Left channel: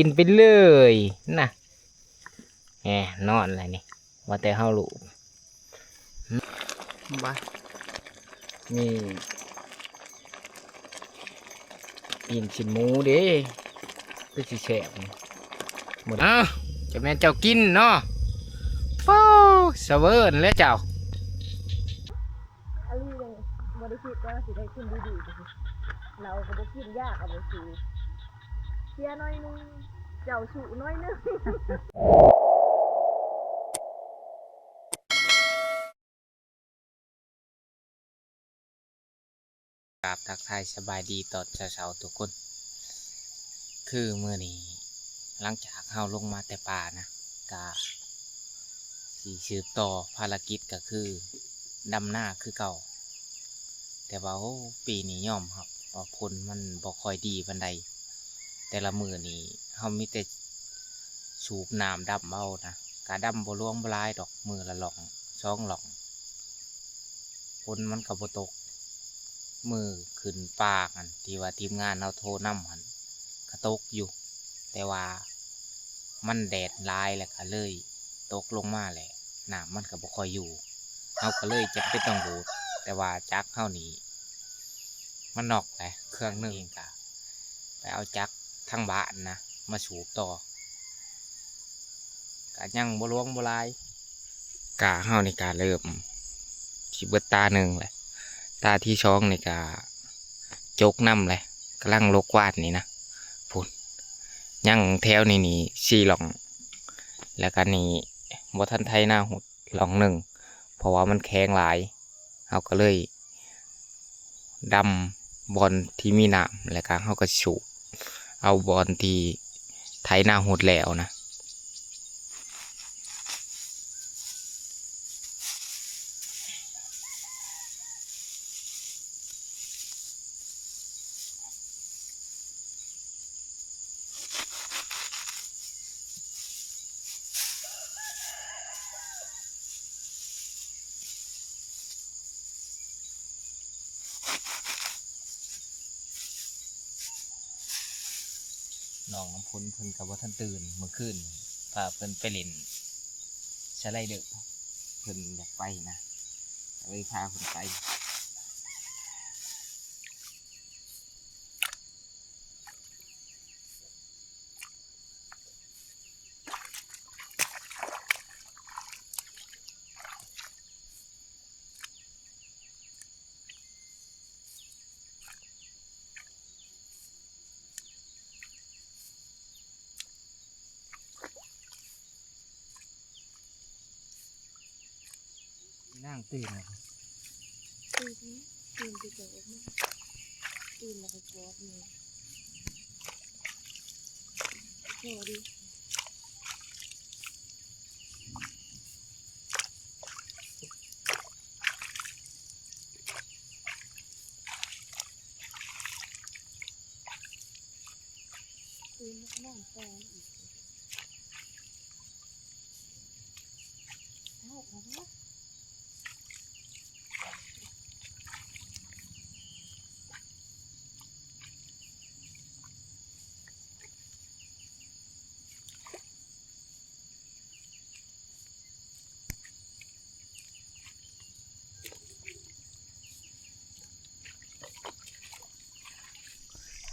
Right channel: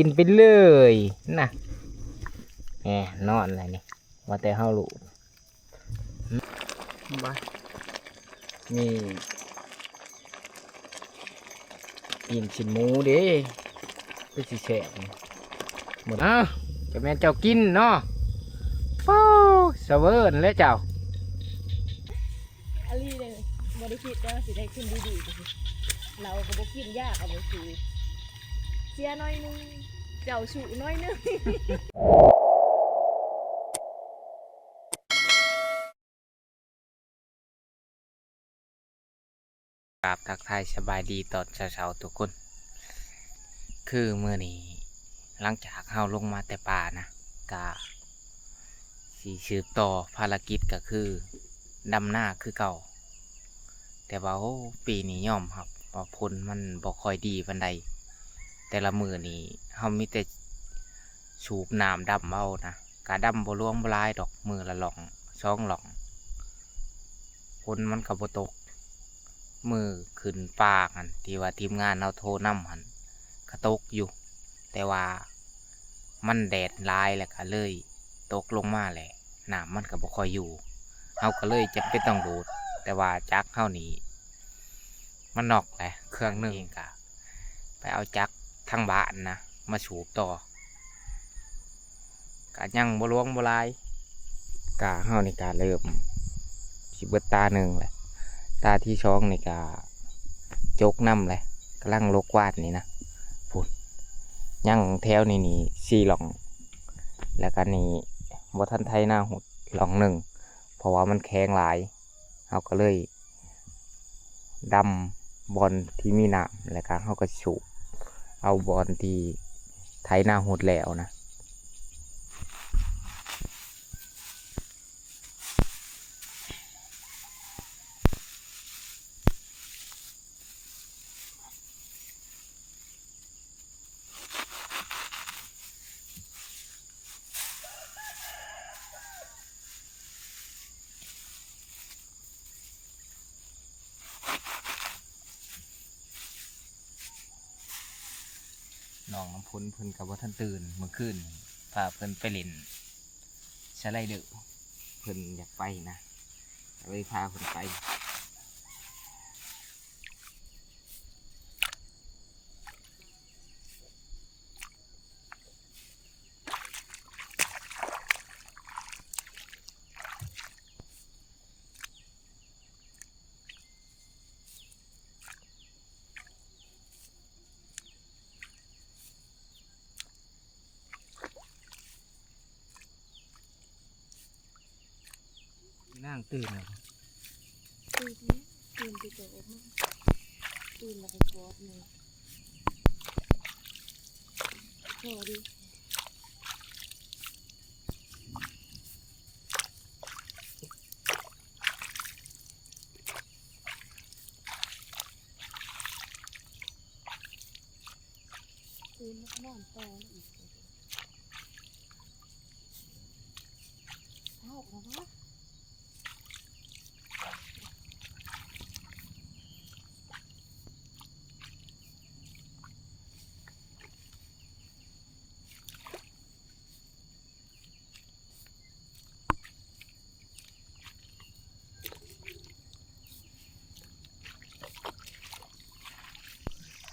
กินไปเลยน่ะแหมนอนอะไรนี่ว่าแต่เฮาลูกบ้ามีกินชิ้นหมูเด้ก็สิแฉบหมดอ้าวจะแม่นเจ้ากินเนาะโอ้เสเวิร์นแล้วเจ้าอลีเลยบริคิดแล้วสิได้ขึ้นดีๆสิเราก็บ่กินยากเอาบ่สูเสียน้อยนึงเจ้าสูน้อยนึง ครับทักทายสบายดีตอนเช้าๆทุกคน คือเมื่อนี้หลังจากเฮาลงมาแต่ป่านะกะสีสืบต่อภารกิจก็คือดำหน้าคือเก่า แต่ว่าโอ้ปีนี้ย่อมครับว่าผลมันบ่ค่อยดีปานใดแต่ละมือนี้เฮามีแต่สูบน้ำดำเอานะกะดำบ่ล่วงบ่ลายดอกมือละหล่องช่องหล่องผลมันก็บ่ตกมือขึ้นปากหันที่ว่าทีมงานเอาโทรนำหันก็ตกอยู่ แต่ว่ามันแดดร้ายแหละก็เลยตกลงมาแหละน้ำมันก็บ่ค่อยอยู่เฮาก็เลยจะเป็นต้องดูดแต่ว่าจักเฮานี้มันนอกแหละเครื่องนึงก็ไปเอาจักทางบ้านนะมาสูบต่อก็ยังบ่ล่วงบ่ลายกะเฮานี่ก็เริ่มสิเบิดตาหนึ่งแหละตาที่ช่องนี่ก็จกน้ำเลยกำลังลกวาดนี่นะพุ่นยังแถวนี่4 หล่องแล้วก็นี่บ่ทันไทยหน้าหุดหล่องหนึ่งเพราะว่ามันแข็งหลายเขาก็เลยดำบอลที่มีน้ำแล้วก็เขาก็สูบเอาบอลที่ไทยหน้าหุดแล้วนะน้องน้ำพ้นเพิ่นกับว่าท่านตื่นเมื่อคืนพาเพิ่นไปเล่นสไลเดอร์เพิ่นอยากไปนะเลยพาเพิ่นไปนั่งตื่นแล้วตื่นไหมตื่นไปเจอออกมาตื่นแล้วก็กอดเลยโหดิตื่นแล้วก็นอนต่ออีกเท่าแล้ววะ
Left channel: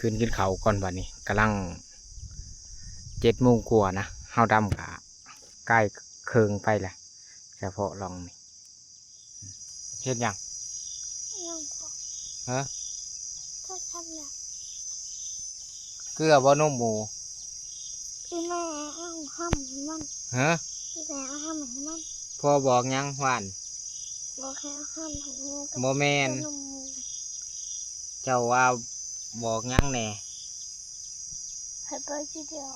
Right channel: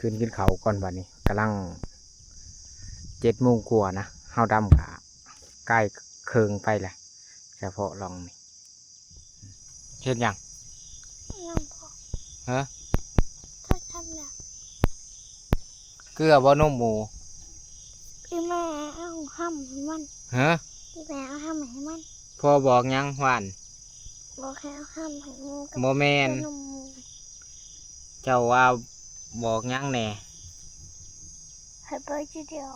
ขึ้นกินเขาก่อนวันนี้กำลัง7 โมงกว่านะเฮาดำกะใกล้เคืองไปแหละเฉพาะลองนี่เห็นยังยังพอฮะถ้าทำเนี่ย เกลือบ่นมหมู พี่แม่เอาห้ามให้มันฮะ พี่แม่เอาห้ามให้มันพอบอกยังหวาน บอกแค่เอาห้ามให้งูกับโมแมน นมหมู เจ้าว่าบอกยังแน่ ให้ไปทีเดียว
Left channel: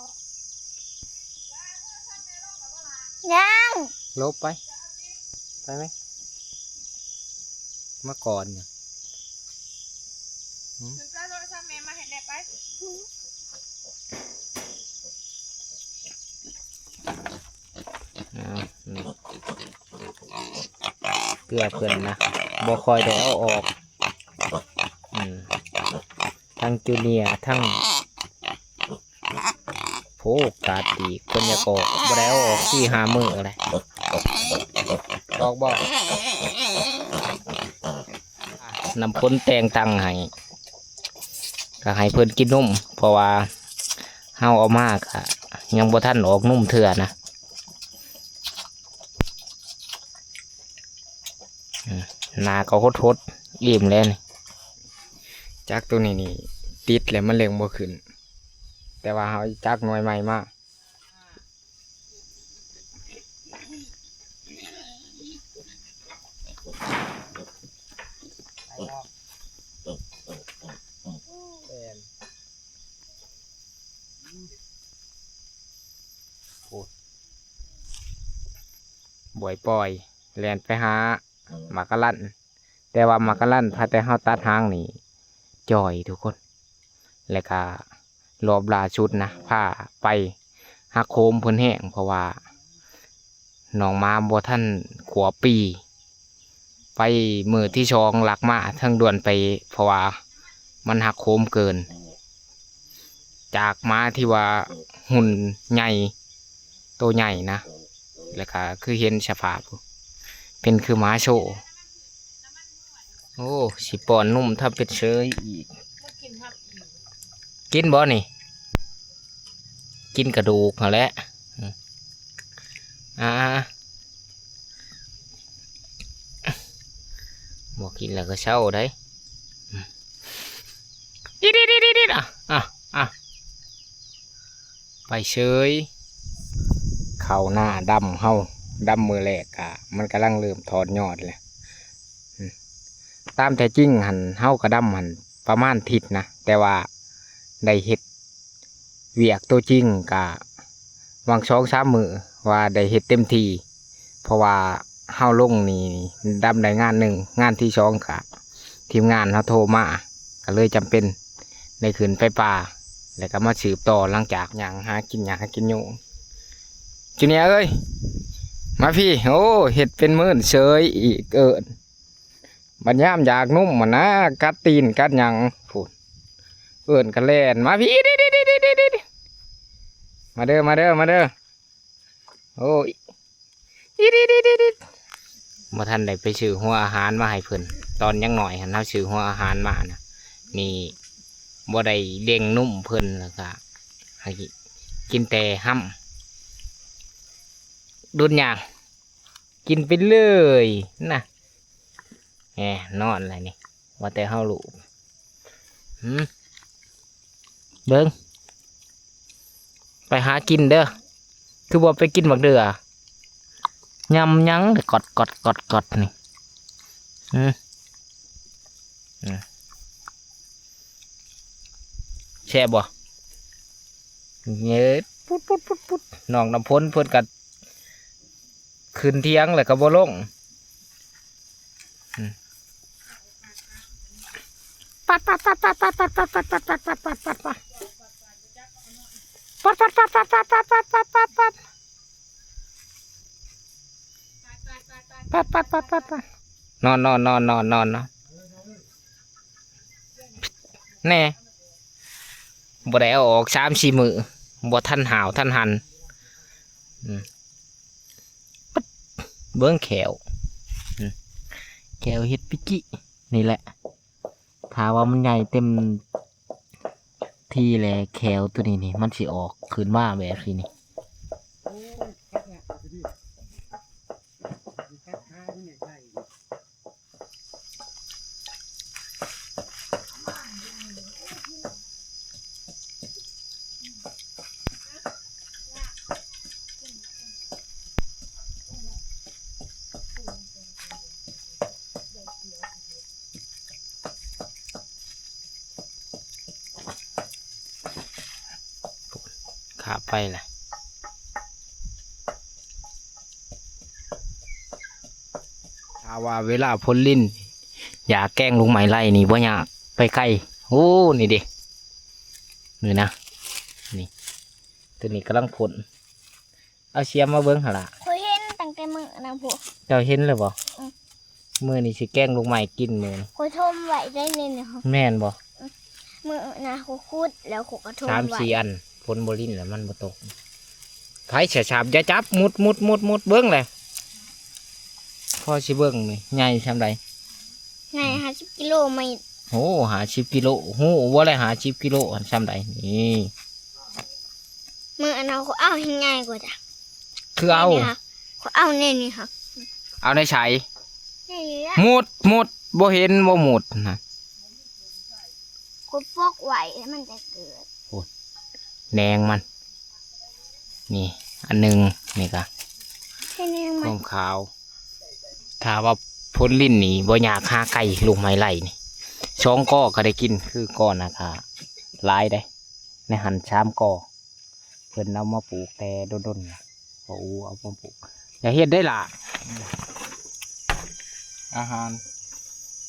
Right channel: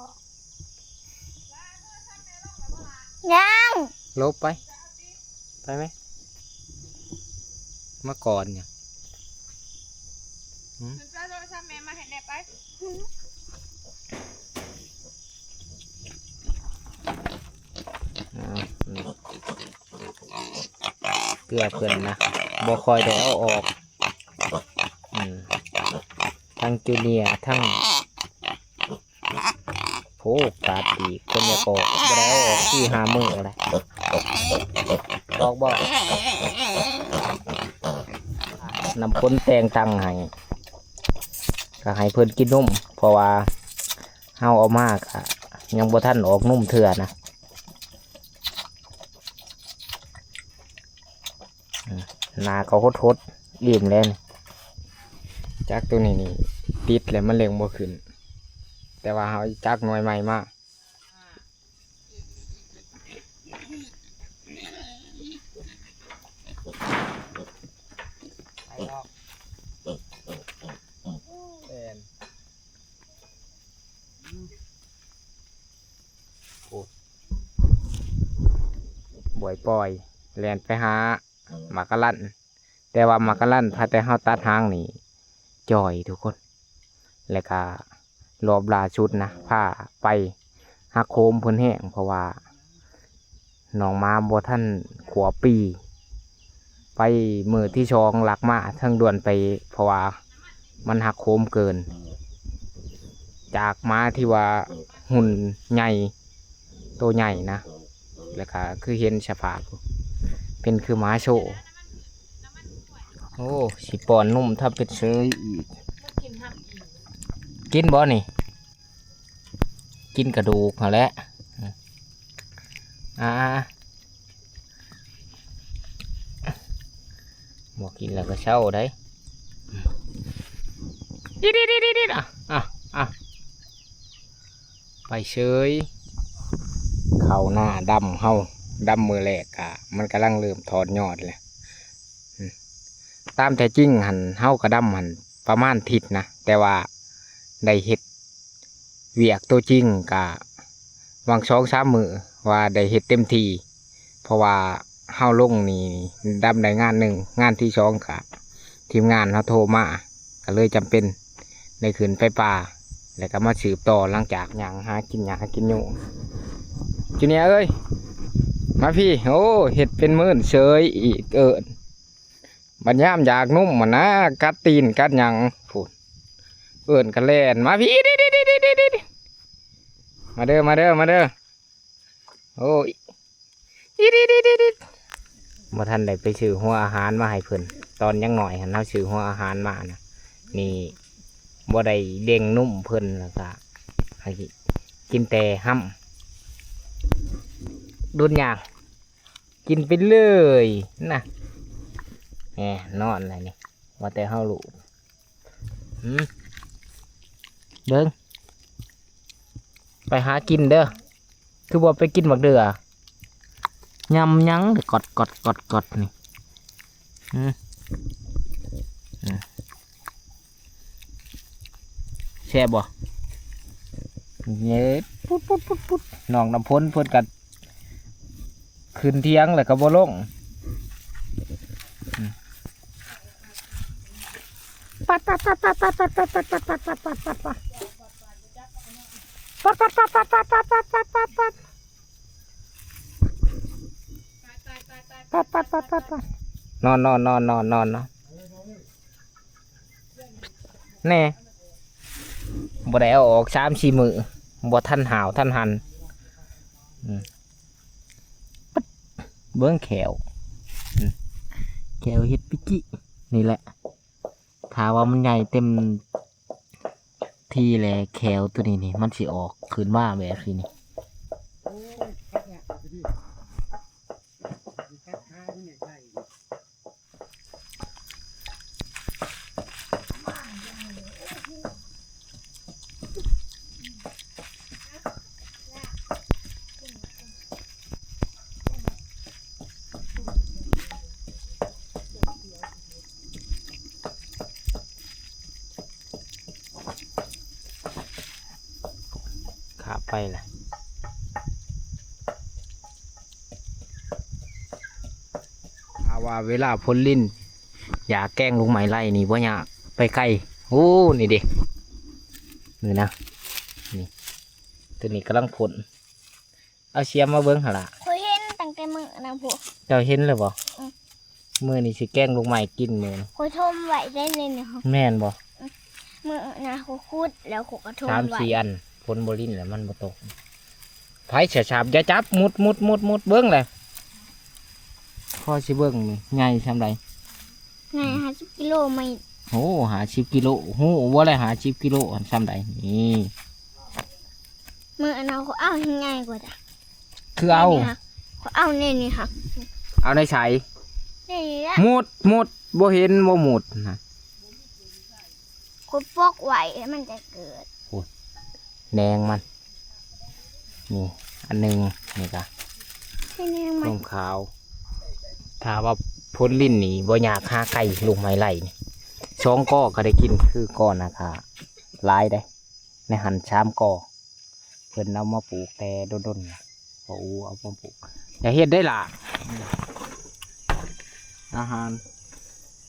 ยัง ลบไป ไปไหมมาก่อนเนี่ย ถึงจะโทรศัพท์แม่มาเห็นแน่ไปนี่เกลือเพื่อนนะบ่คอยได้เอาออกทั้งจูเนียร์ทั้ง โผกาดดีคนอยากออกบ่ได้เอาออกที่5 มื้อเลยออกบ่นำพ้นแต่งตังให้ก็ให้เพิ่นกินนมเพราะว่าเฮาเอามากอะยังบ่ทันออกนุ่มเถื่อนะนาก็หดๆอิ่มแล้วนี่จากตัวนี้นี่ติดแล้วมันเลี้ยงบ่ขึ้นแต่ว่าเฮาจักหน่วยใหม่มาบ่อยปล่อยแล่นไปหาหมากกะลั่นแต่ว่าหมากกะลั่นพาแต่เฮาตัดหางนี่จ่อยทุกคนแล้วก็รอบล่าชุดนะพาไปหักโคมเพิ่นแห้งเพราะว่าน้องมาบ่ทันขวบปีไปมือที่ชองหลักมาทั้งด่วนไปเพราะว่ามันหักโคมเกินจากม้าที่ว่าหุ่นใหญ่โตใหญ่นะแล้วก็คือเห็นสภาพเป็นคือม้าโชว์โอ้สิปอนนุ่มถ้าเป็นเชยอีกกินบ่นี่กินกระดูกเหรอแหละบอกกินแล้วก็เศร้าได้ดิไปเชยเข่าหน้าดำเฮาดำมือแหลกอะมันกำลังเริ่มถอดยอดเลยตามแต่จริงหันเฮากระดำหันประมาณทิศนะแต่ว่าได้เห็ดเวียกตัวจริงกะวาง2-3 มือว่าได้เห็ดเต็มทีเพราะว่าเฮาลงนี่ดำได้งานหนึ่งงานที่2กะทีมงานเขาโทรมาก็เลยจำเป็นได้ขึ้นไปป่าแล้วก็มาสืบต่อหลังจากหากินโยงจูเนียเอ้ยมาพี่โอ้เห็ดเป็นมื้อเฉยอีกบัดยามอยากนุ่มมันนะกัดตีนกัดหยังพูดกันแล่นมาพี่ดิมาเด้อโอ้ยดิมาทันได้ไปซื้อหัวอาหารมาให้เพิ่นตอนยังหน่อยหันเอาซื้อหัวอาหารมานะนี่บ่ได้เลี้ยงนุ่มเพิ่นแล้วก็ให้กินแต่ห้ำดุนยางกินไปเลยนะแหมนอนอะไรนี่ว่าแต่เฮาลูกเบิ่งไปหากินเด้อคือบ่ไปกินบักเดือยำยั้งกดนี่แช่บ่เงี้ยปุ๊ดน้องน้ำพ้นเพิ่นกัดขึ้นเที่ยงแล้วก็บ่ลงปัดนอนแน่บ่ได้เอาออก3-4 มื้อบ่ทันหาวทันหันเบิ้งแขวเฮ็ดปิกินี่แหละถ้าว่ามันใหญ่เต็มที่แหละแขวตัวนี้นี่มันสิออกขึ้นมาแบบนี้ขาไปแหละถ้าว่าเวลาพ้นลิ้นอย่าแกล้งลุงไหมไล่นี่บ่อยากไปใกล้โอ้นี่ดินี่นะนี่ตัวนี้กำลังผลเอาเชียมมาเบิ้งหล่ะเคยเห็นตั้งแต่มื้อนะพวกเจ้าเห็นเลยบ่มือนี่สิแกล้งลุงไหมกินมือเคยทมไว้ได้เลยนะแม่นบ่มื้อนะคุดแล้วก็ทมไว้3-4 อันผ นบ่ลิ้นแล้วมันบ่ตกไผเสียฉาบอย่าจับมุดเบิ่งเลยพ่อสิเบิ่งนี่ใหญ่ซำใด ไง50 กิโลไม่ โอ้50 กิโลโหบ่ได้50 กิโลอันซำใดนี่ มืออันเอาเขาเอาให้ง่ายกว่าจ้ะ คือเอา นี่ค่ะเขาเอาเนี่ยนี่ค่ะ เอาในไส นี่ละ มุดบ่เห็นบ่มุดนะ เขาปอกไว้แล้วมันจะเกิด แนงมัน นี่ อันหนึงนี่ก็ แค่นี้ น มัน มขาว ถ้าว่าพ้นลิ้นนี่บ่อยากฆ่าไก่ลูกไม้ไล่นี่ช่องก้อก็ได้กินคือก้อนนะคะหลายได้ในหันชามก้อเพิ่นเอามาปลูกแต่ด้นๆนะเอามาปลูกอย่าเฮ็ดได้ล่ะ อาหาร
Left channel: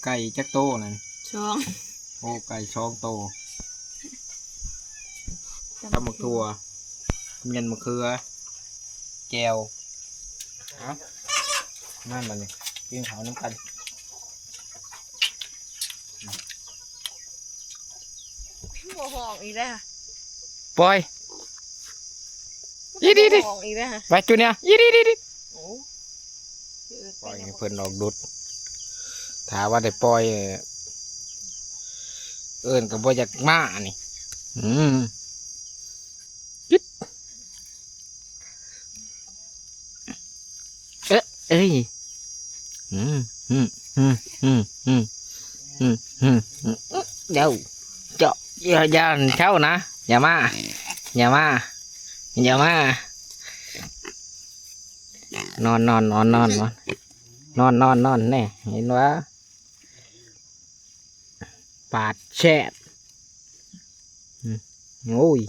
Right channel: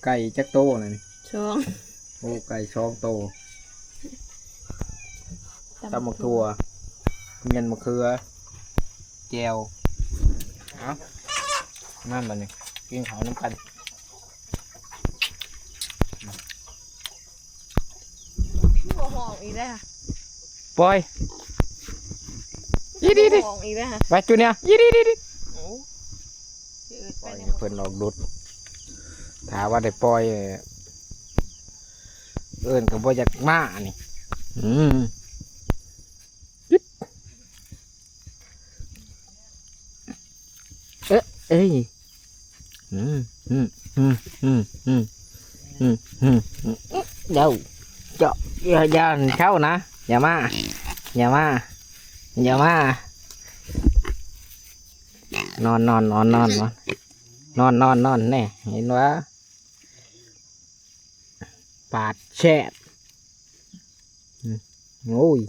ไก่จักโตน่ะนี่ ช่อง โอ้ไก่ช่องโตตำมะทั่วเมียนมะเขือแจวเอานั่นบัดนี้กินข้าวน้ำกัน หัวหองอีกแล้ว ปล่อย อีดิ หัวหองอีกแล้วฮะ ไปจุเนี่ยยี่ดิ โอ้ ปล่อยให้เพิ่นออกดุดถ้าว่าได้ปล่อยเอิ้นก็บ่อยากมานี่ยึดเอ้ยเดี๋ยวเจาะอย่าเท่านะอย่ามานอนแน่เห็นว่าปาดแช่โอ้ย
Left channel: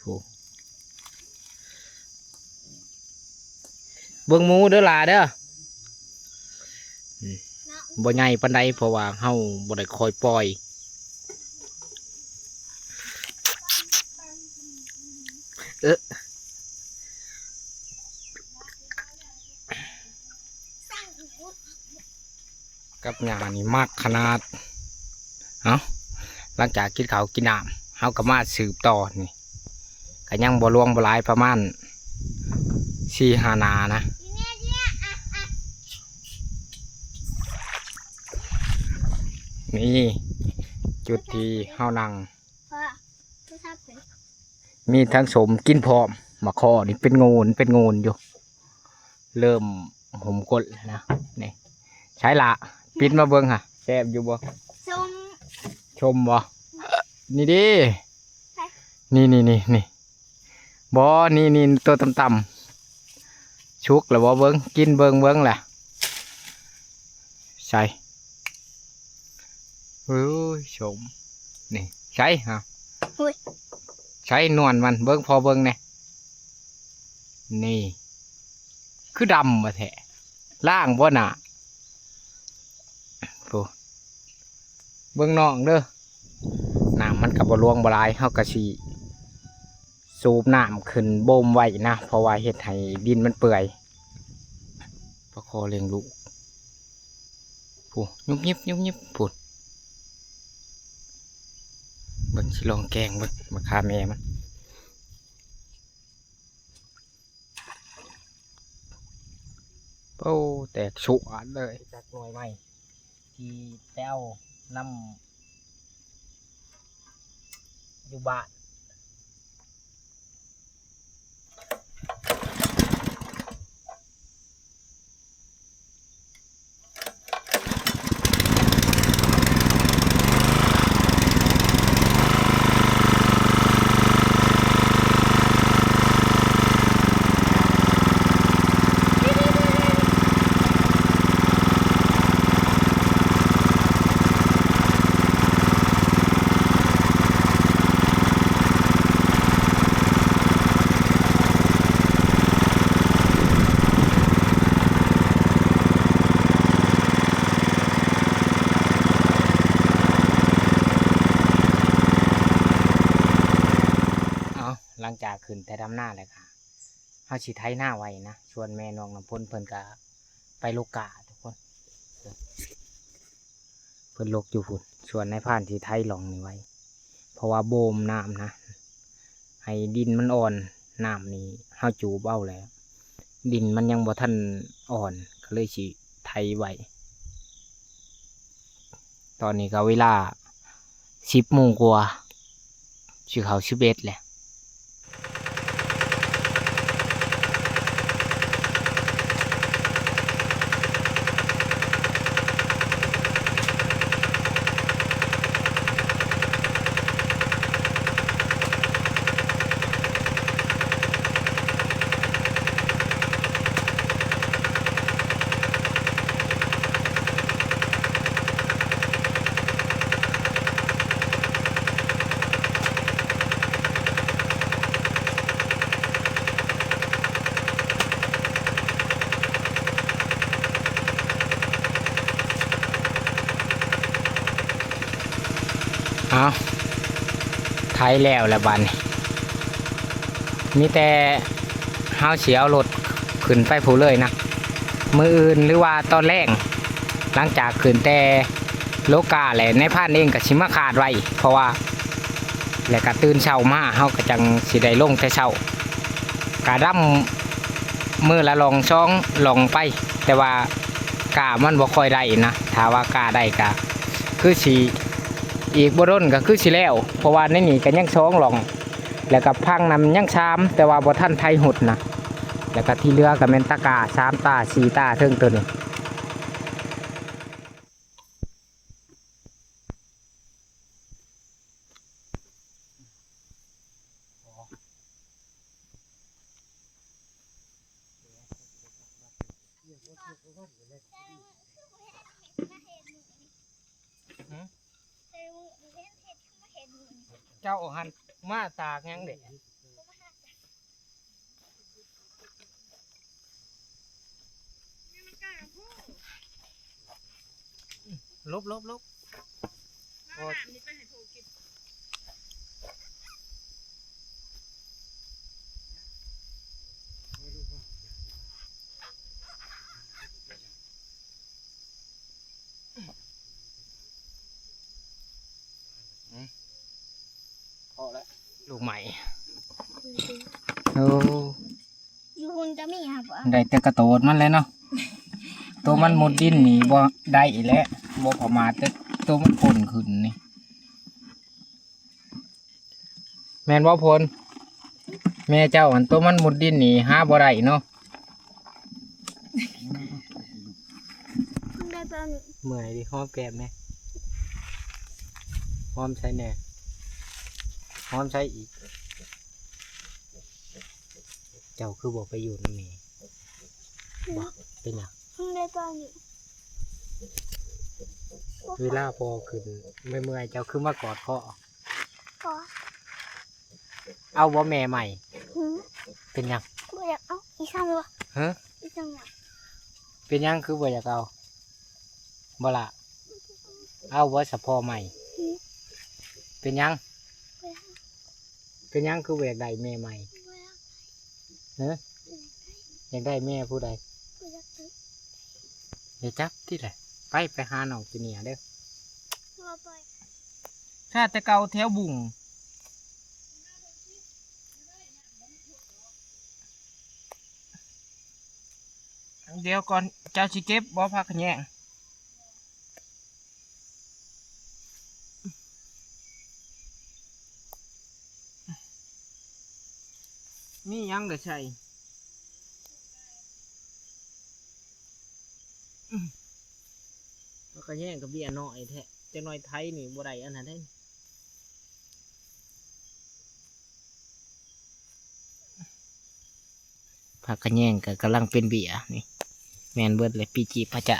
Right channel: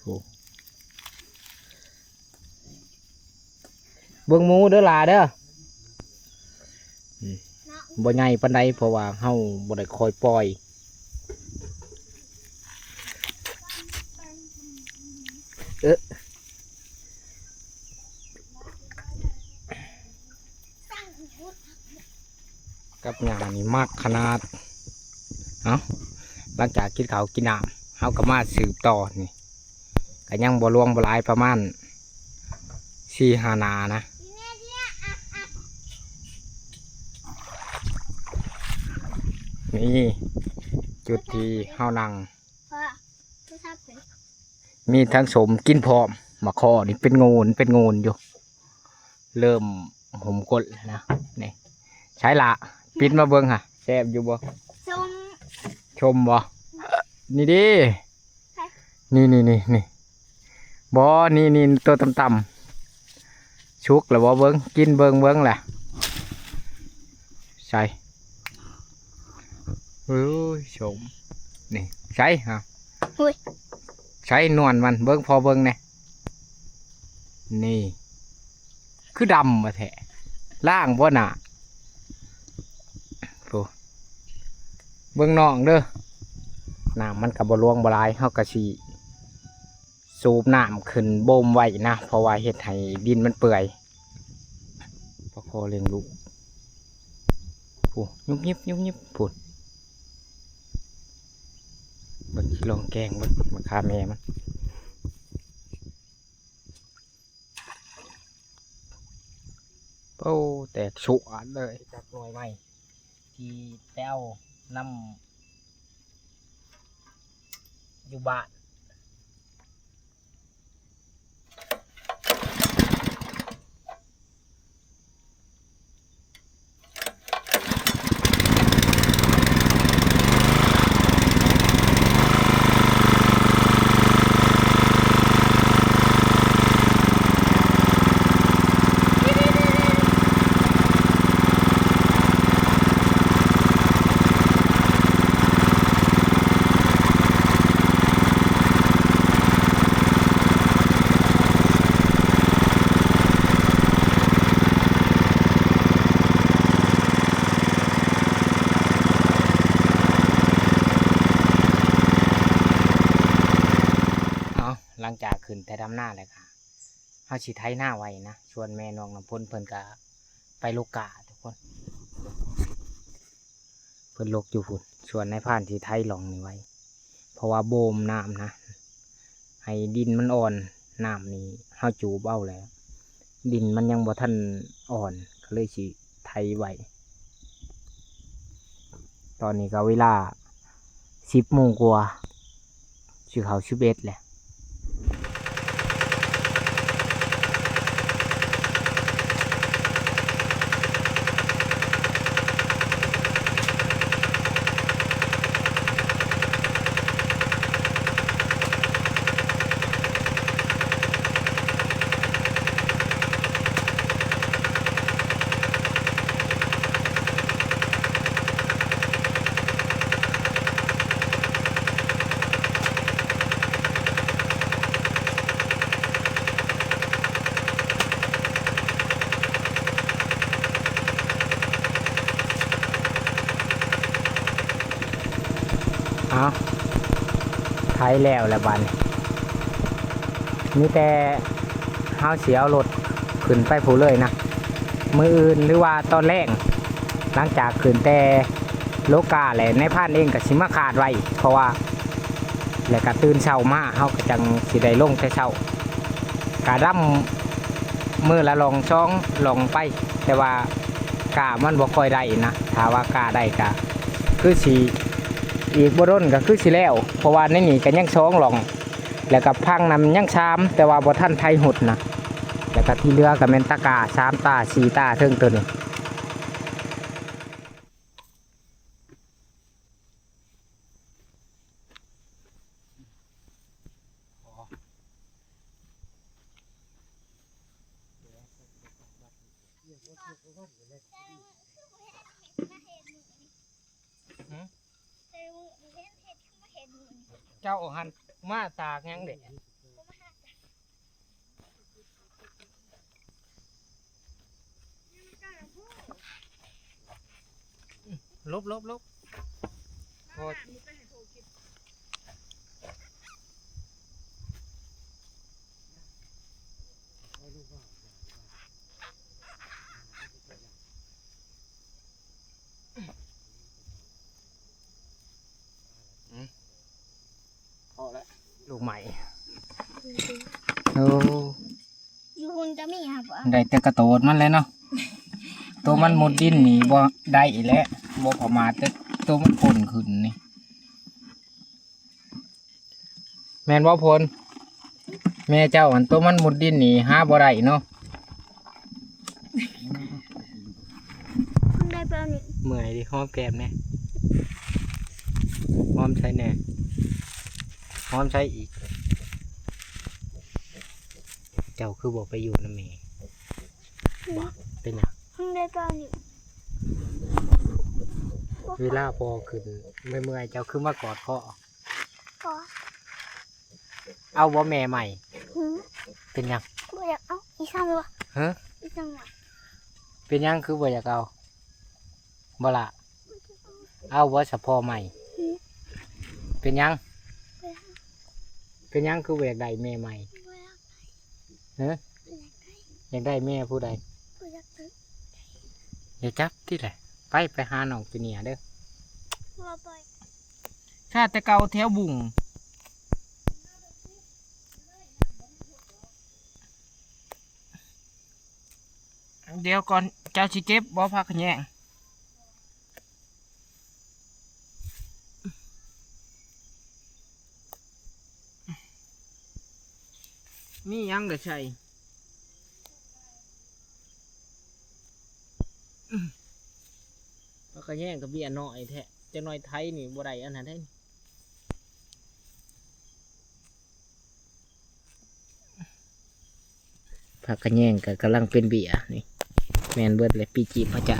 โหเบิ่งหมูเด้อล่ะเด้อบ่ใหญ่ปานใดเพราะว่าเฮาบ่ได้คอยปล่อยกับหญ้านี่มากขนาดเอาหลังจากกินข้าวกินน้ำเฮาก็มาสืบต่อนี่ก็ยังบ่ลวงบ่หลายประมาณ4-5 นานะนี่จุดที่เฮานั่ง เพราะผู้ชายเป็น มีทั้งสมกินพร้อมมาคอนี่เป็นงูนอยู่ เริ่มหมกดแล้วนะนี่ใช้ละปิดมาเบิ้งค่ะแซ่บอยู่บ่ ส้ม ชมบ่นี่ดินี่บ่นี่ตัวต่ำๆชุกแล้วบ่เบิ้งกินเบิ้งแหละใส่เฮ้ยชมนี่ใช่ฮะใช้นวลมันเบิ้งพอเบิ้งเนี่ยนี่คือดำมาแท้ล่างบ่หนาโอ้เบิ้งน้องเด้อน้ำมันกับบรวงบลายเฮากะสีสูบน้ำขึ้นบ่มไว้นะเพราะว่าเฮ็ดให้ดินมันเปื่อยประคอเลี้ยงลูกผู้ยุบยิบผู้เบิ่งสิลองแกงเบิ่งมาฆ่าแม่มันโอ้แตกฉุอันเลยจากหน่วยใหม่ที่แต้วน้ำอยู่บ้านหลังจากขึ้นแต่ดำหน้าเลยค่ะเฮาสิไถหน้าไว้นะชวนแม่น้องน้ำพ่นเพิ่นก็ไปลูกกาทุกคนเพิ่นลกอยู่พุ่นชวนในผ่านที่ไถหลองนี่ไว้เพราะว่าโบมน้ำนะ ให้ดินมันอ่อนน้ำนี่เฮาจูบเอาแล้ว ดินมันยังบ่ทันอ่อนก็เลยสิไถไว้ตอนนี้ก็เวลา10 โมงกว่าสิเข้า11แหละเอาไถแล้วละบัดนี้มีแต่เฮาสิเอารถขึ้นไปผู้เลยนะมื้ออื่นหรือว่าตอนแรกหลังจากขึ้นแต่โลกาแหละในพานเองก็สิมาขาดไว้เพราะว่าแล้วก็ตื่นเช้ามาเฮาก็จังสิได้ลงแต่เช้ากะดำมื้อละลองช่องลองไปแต่ว่ากามันบ่ค่อยได้นะถ้าว่ากาได้ก็คือสิอีกบ่ดนก็คือสิแล้วเพราะว่าในนี่ก็ยังช่องลองแล้วก็พังนำยังชามแต่ว่าบ่ทันไทยหุดนะแล้วก็ที่เหลือก็แม่นตะกา3 ตา 4 ตาเทิงตัวนี้เจ้าหันมาตากยังเด็กลบโอ้พอแล้วลูกใหม่โอ้ อยู่หุ่นจะมีครับวะ ได้แต่กระโตดมันเลยเนาะ ตัวมันมุดดินนี่บ่ได้อีกแล้วบ่พอมาแต่ตัวมันพ่นขึ้นนี่แม่นบ่พลแม่เจ้าอันตัวมันมุดดินนี่หาบ่ได้เนาะ คุณได้เปล่านี่ เมื่อยดิหอมแก้มแน่หอมใช้แน่หอมใช้อีก เจ้าคือบ่ไปอยู่นำแม่บ่เป็นหยัง คุณได้เปล่านี่ เวลาพอขึ้นไม่เมื่อยเจ้าคือมากอดคอ ขอ เอาบ่แม่ใหม่ หืม เป็นหยัง บ่อยากเอาอีสั่งวะ ฮะ อีสั่งวะ เป็นหยังคือบ่อยากเอาบ่ละเอาบ่สะพอใหม่ เป็นหยัง เป็นหยังคือบ่อยากได้แม่ใหม่ บ่อยาก ฮะอยากได้แม่ผู้ใด บ่อยากตึก เดี๋ยวจับที่ไหนไปหาน้องจีเนียเด้อ บ่ไป ข้าแต่เก่าแถวบุ่งเดี๋ยวก่อนเจ้าสิเก็บบ่พักแยงนี่ยังเด้อใช่พักแยงกับเบี้ยน้อยแท้จะน้อยไทยนี่บ่ได้อันนั้นได้พักแยงก็กำลังเป็นเบี้ยนี่แมนเบิดเลยปีจีพระจ่า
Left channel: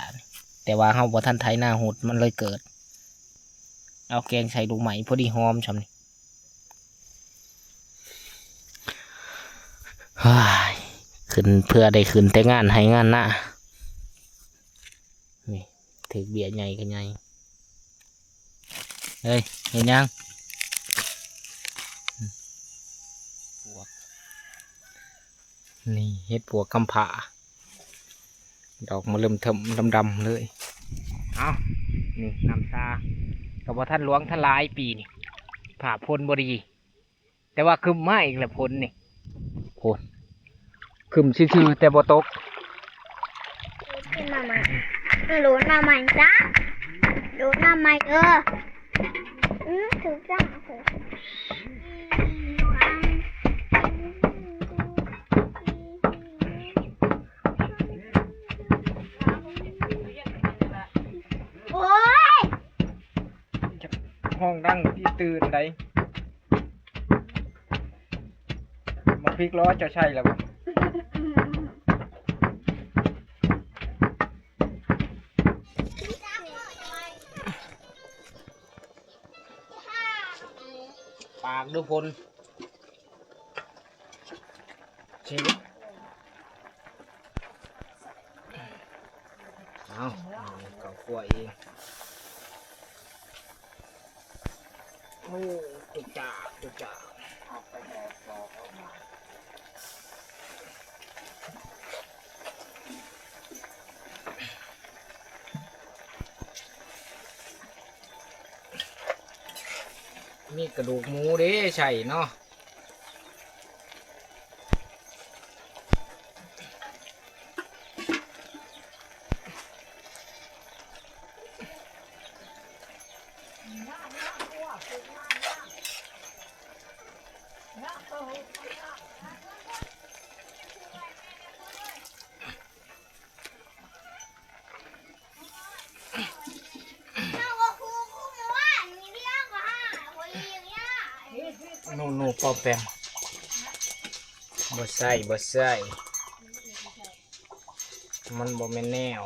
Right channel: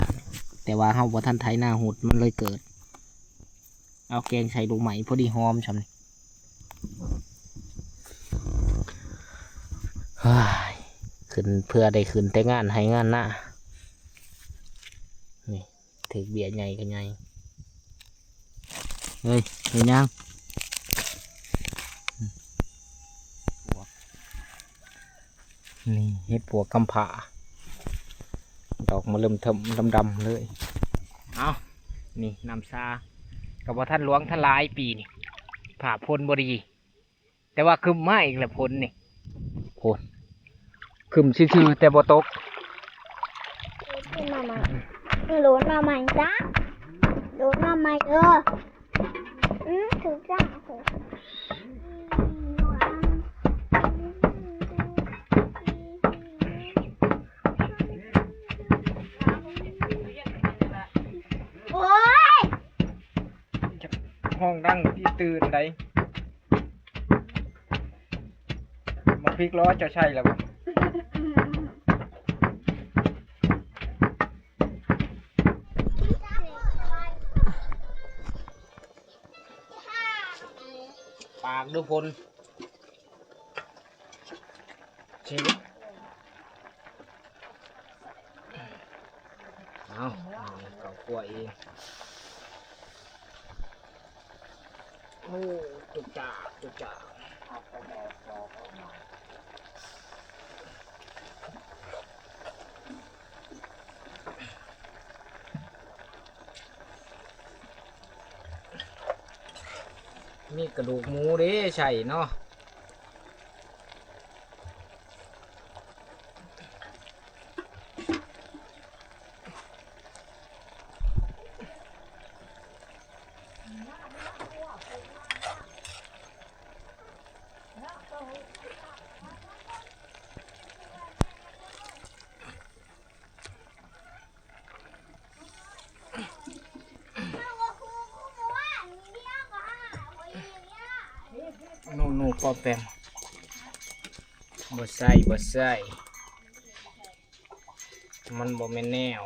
แต่ว่าเฮาบ่ทันไทยหน้าหุดมันเลยเกิดเอาแกงใส่ลูกไหมพอดีหอมชำนี่ขึ้นเพื่อได้ขึ้นแต่งานให้งานหน้านี่ถือเบี้ยใหญ่กันใหญ่เฮ้ยเห็นยังนี่เฮ็ดปัวกำผาดอกมาเริ่มเทิมดำๆเลยเอานี่น้ำซากับว่าท่านหลวงท่านหลายปีนี่ผ่าพลบดี แต่ว่าคึมมาอีกแล้วฝนนี่โหคึมชื่อๆแต่บ่ตก ขึ้นมาใหม่โหลดมาใหม่จ้ะโหลดมาใหม่ถูกจ้ะโอ้ย ห้องดังที่ตื่นไดมาพลิกล้อเจ้าใช่แล้วบ่ ปากดูพลชีวิตเอาเก่ากล้วยเองโอ้ตุกจ่าตุกจ่ามีกระดูกหมูเด้ใช่เนาะนูปอแปมบ่ใส่มันบ่แม่นแนว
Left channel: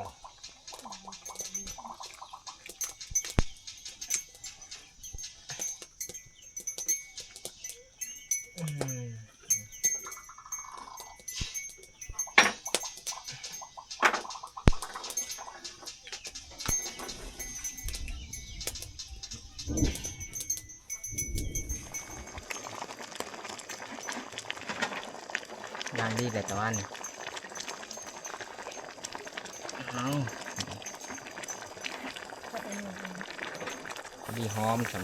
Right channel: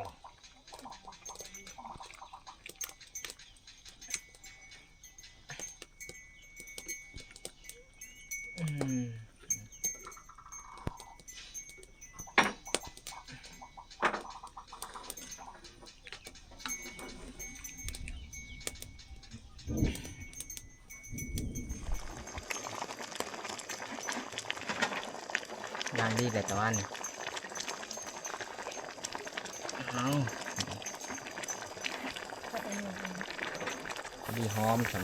อย่างดีแต่ตะวันเอาดีหอมฉัน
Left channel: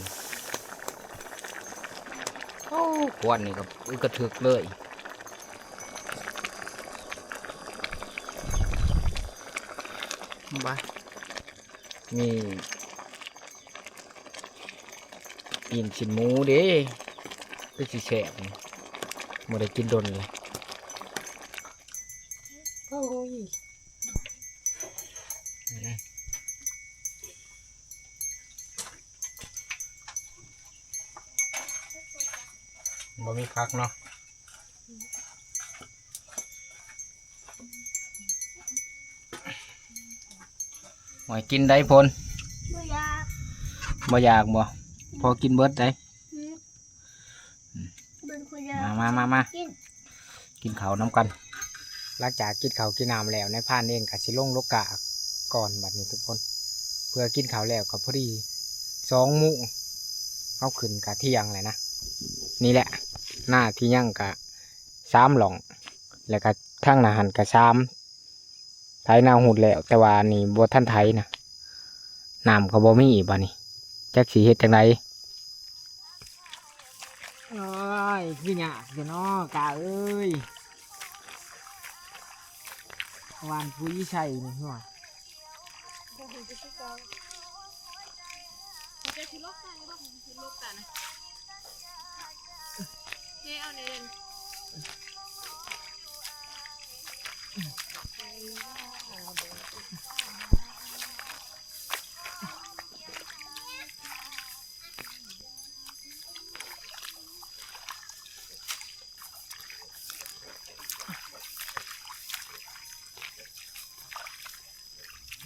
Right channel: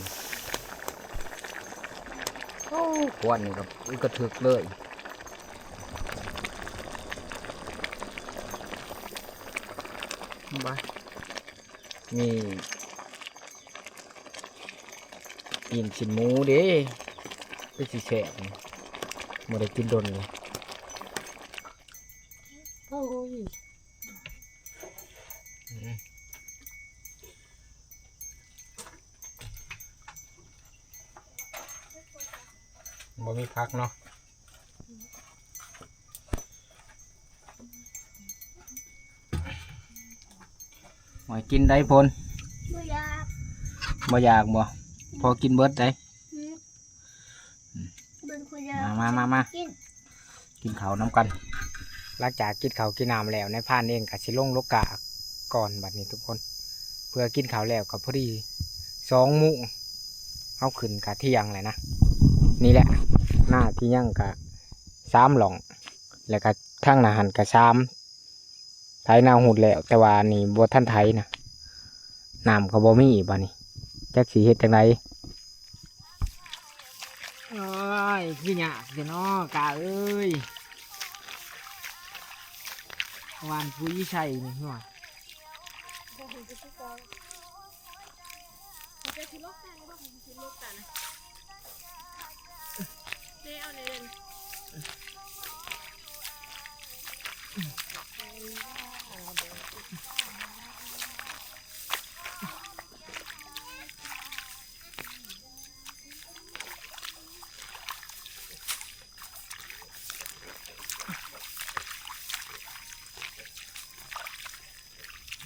โอ้ควันนี่ก็กระถึกเลยบ้ามีปีนชิ้นหมูเด้ไปสิแฉะบ่ได้กินดนเลยโอ้ยบ่มีพักเนาะหอยกินได้พล บ่อยาก บ่อยากบ่พอกินเบิดได้ เบิ่งคุยยา มา กิน กินข้าวน้ำกันหลังจากกินข้าวกินน้ำแล้วในพานเองก็สิลงโลกาก่อนบัดนี้ทุกคน เพื่อกินข้าวแล้วก็พอดี2 โมงเอาขึ้นกะเที่ยงเลยนะนี่แหละหน้าที่ยังกะ3 หล่องแล้วก็ทางหน้าหันกะ3ไถนาหูดแล้วแต่ว่านี่บ่ทันไถนะน้ำก็บ่มีบัดนี้จักสิเฮ็ดจังไดโอ้ยคือยากเด้อเนาะกะเอ้ย วานปุ้ยชัยนี่หัว จะชิลกกันก็ชิลกกันนะเนี่ยเอาในเด่น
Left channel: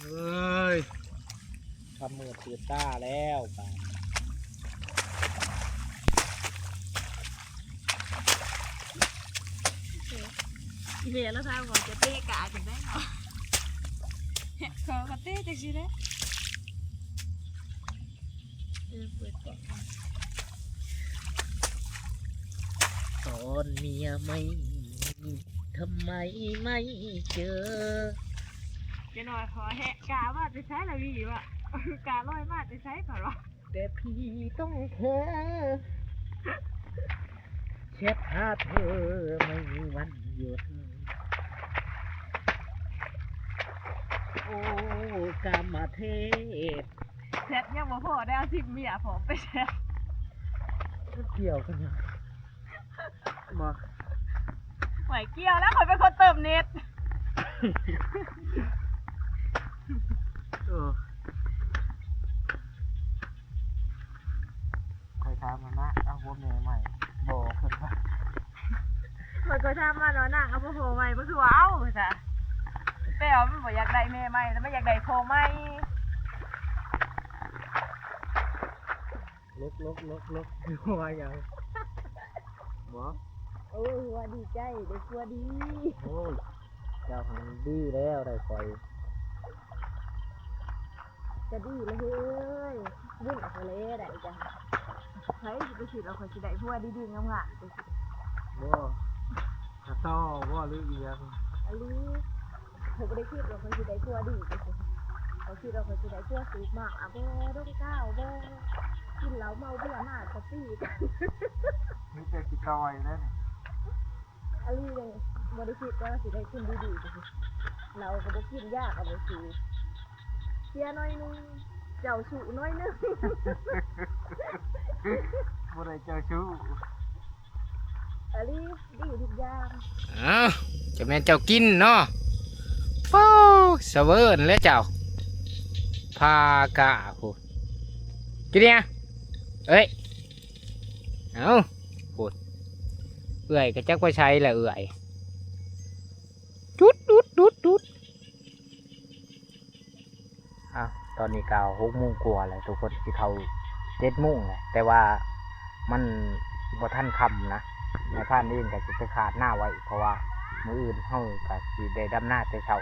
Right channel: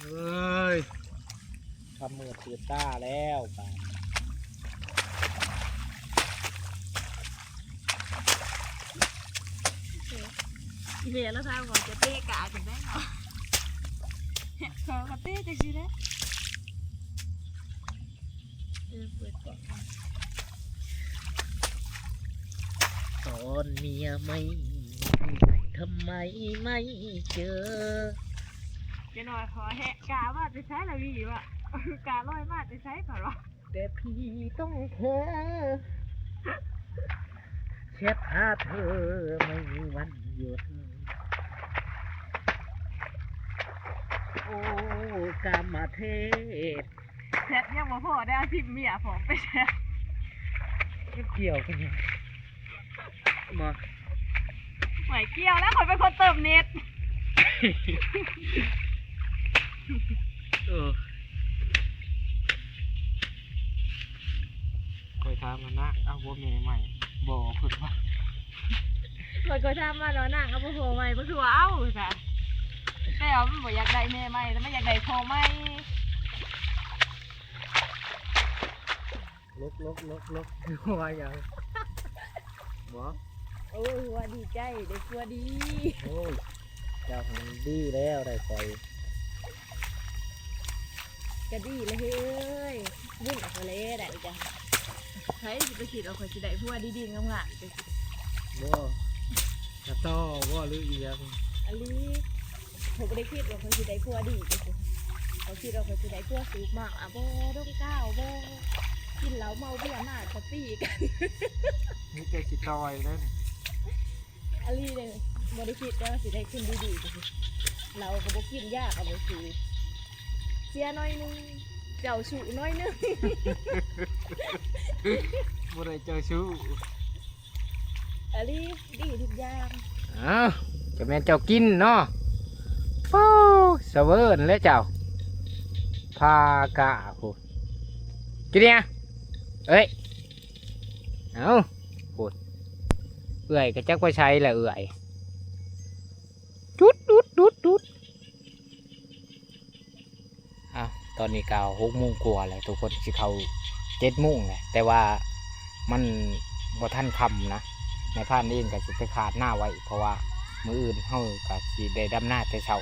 เฮ้ยทำมือตีต้าแล้วป่ะ เดี๋ยวเราทำก่อนจะเตะกาถึงได้เนาะขอกระเตะจังสิได้เปิดก่อน ตอนเมียไม่ทำไมไม่เจอ เดี๋ยวหน่อยขอแหะกาว่าจะใช้อะไรวีวะกาลอยมาจะใช้ผ่านวะ แต่พี่ต้องเธอ เช็ดหาเธอไม่มีวันหยุดโอ้กามเทศ แซ่บยังบ่พอได้เอาสิเมียผมไปแซ่บ ไม่เกี่ยวกันยังมา ไหวเกี่ยวแล้วข่อยเป็นคนเติมเน็ต คอยถามมันนะเอาบัวเมย์ใหม่บอกเพิ่นว่า ข่อยก็ทำมาเนาะนางเอาพ่อโผล่ใหม่บ่คือว่าเอาจ้ะแต่ว่ามันบ่อยากได้แม่ใหม่แล้วมันอยากได้พ่อใหม่ ลกว่าอย่างหมอ โอ้ยว่าดีใจได้กลัวดี โอ้ยเจ้าหันดีแล้วได้คอย ก็ดีเลยเฮ้ยวุ่นออกมาเลยได้จ้ะใครสิไปคิดเอาข่อยสิได้ผัวดีๆงามๆจังซี่ บ่กระต้อบ่หรืออีหยัง อันนี้ผมบ่ได้คิดว่าข่อยสิได้ผัวดีจังซี่เขาคิดว่าข่อยสิได้ผัวสูงมากอ่ะบ่ดงก้าวบ่กินเหล้าเมาเบียร์มากเขาปี้กัน นี่เป็นสิตอยแล้วนี่ อันนี้เลยบ่ได้คิดว่าสิได้ขึ้นดีๆจังซี่เราก็บ่กินยากเอาไปสิเสียน้อยหนึงเจ้าสูน้อยหนึง บ่ได้เจอชู้ อันนี้ดีทุกอย่าง อ้าวจะแม่นเจ้ากินเนาะโอ้สะเวิร์นแล้วเจ้าพากะโหกินเนี่ยเอ้ยเอาโหเอื่อยก็จักว่าใช้แหละเอื่อยดุดอ้าวตอนนี้ก็6 โมงกว่าแล้วทุกคนสิเข้า7 โมงแหละแต่ว่ามันบ่ทันค่ำนะในพานนี่ก็สิไปขาดหน้าไว้เพราะว่ามื้ออื่นเฮาก็สิได้ดำหน้าแต่เช้า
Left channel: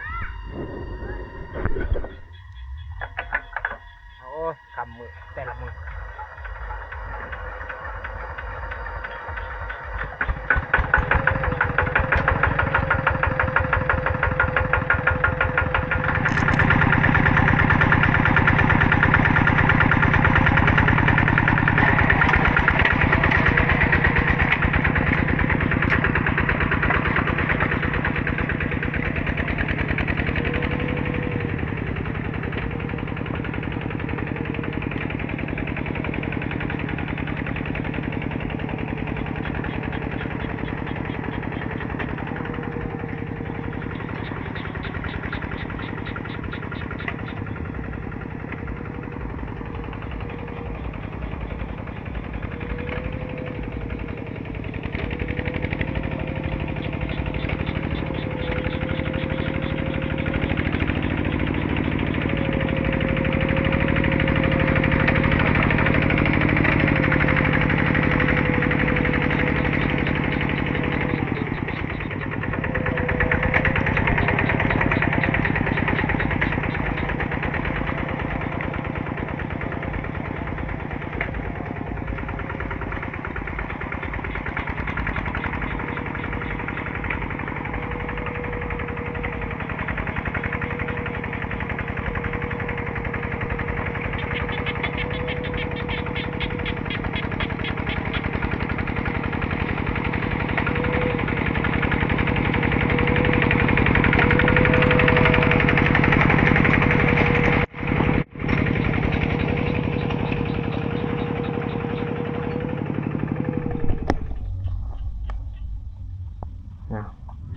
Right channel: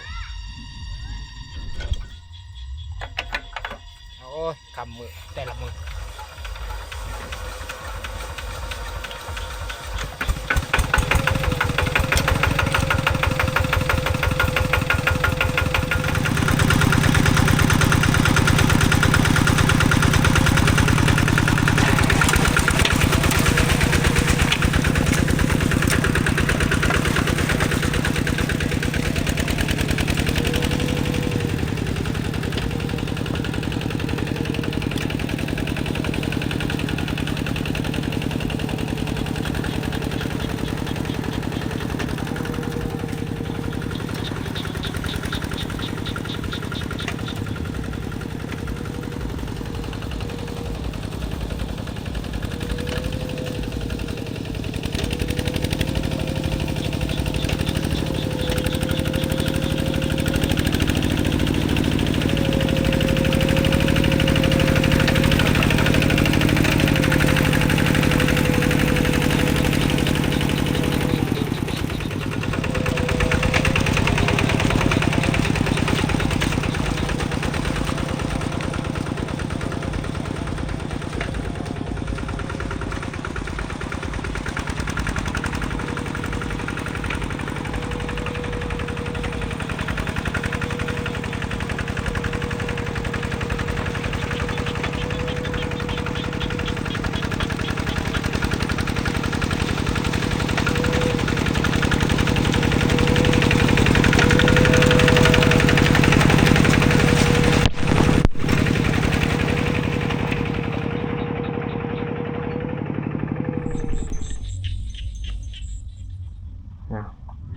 โอ้ยคำมือแต่ละมือ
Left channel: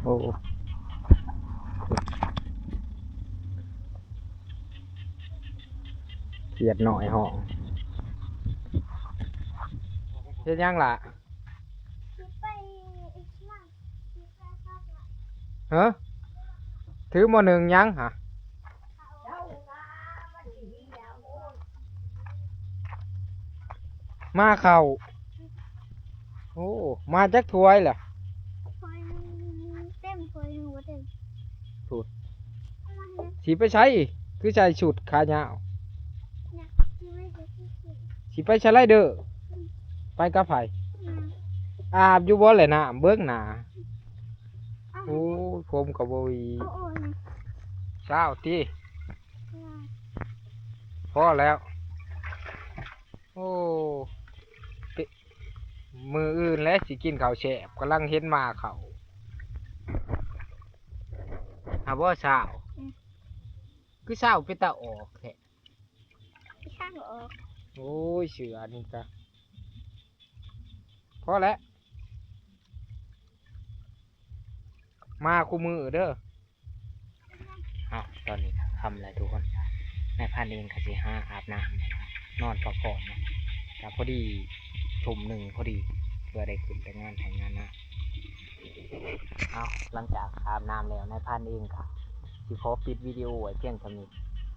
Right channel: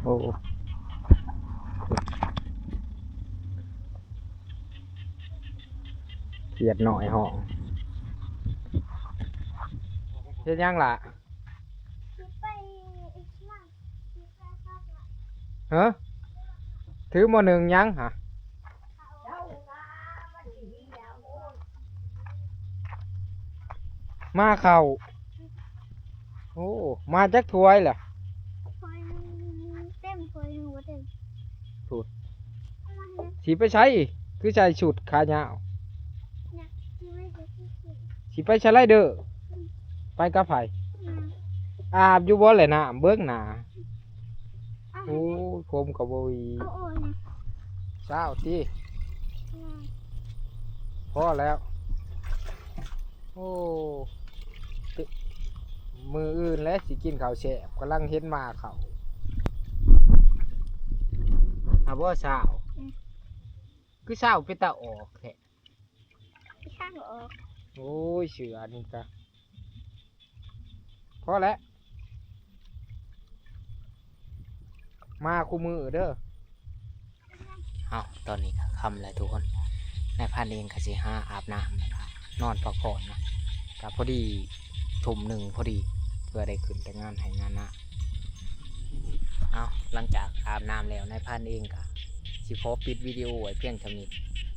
โอ้เขียดหน่อยห้องเฮ็ดยังล่ะ สิไปอีกมากสิไปพักละ ฮะถือหม้อหนึ่งยังฮะมาเข่าโอ้มาจักถ้วยเหรอ คอยเต็มคอยหัวเต็ม ถูด เอามาให้ สีไปใช้คือใช้ชุดขายาว นะที่ไม่ได้ที่สุด สีไปใช้ไรเด้อไปกับไผ นะ อาบอยู่บ่เลยนะเบิ้งหนา เอา โอ้ยผมกับบ่มี เอาโอนนะ เช้าตี นะ พอแล้ว โอ้เป มืออื่นและสิกินข้าวแฉบกำลังเห็นมาเขาหาว่าเช้าคือเช้าไปตาออกแท้ พี่ช่างออก โอ้ยเสือนี่กะพอแล้วมาคู่มือเด้อเอาตอนนี้คำแล้วทุกคนนายพันเองก็สิห้าอาบน้ำนอนพักผ่อนนะกับพอดีทุ่มหนึ่งพอดีเพื่อได้ขึ้นแต่งานให้งานนะเอาหลังจากอาบน้ำแล้วนายพันเองก็สิขอปิดวิดีโอไว้เพียงเท่านี้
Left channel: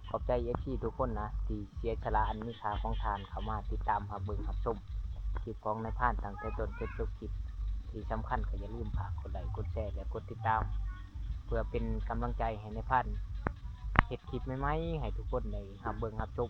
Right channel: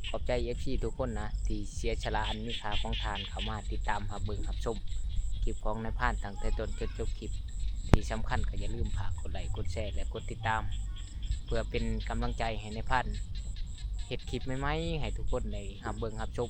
ขอบใจFCทุกคนนะที่เสียฉลาอันมีค่าของทานเข้ามาติดตามรับเบิ่งรับชมคลิปของนายพันตั้งแต่ต้นจนจบคลิปที่สำคัญก็อย่าลืมฝากกดไลค์กดแชร์และกดติดตาม เพื่อเป็นกำลังใจให้นายพันเฮ็ดคลิปใหม่ๆให้ทุกคนได้รับเบิ่งรับชม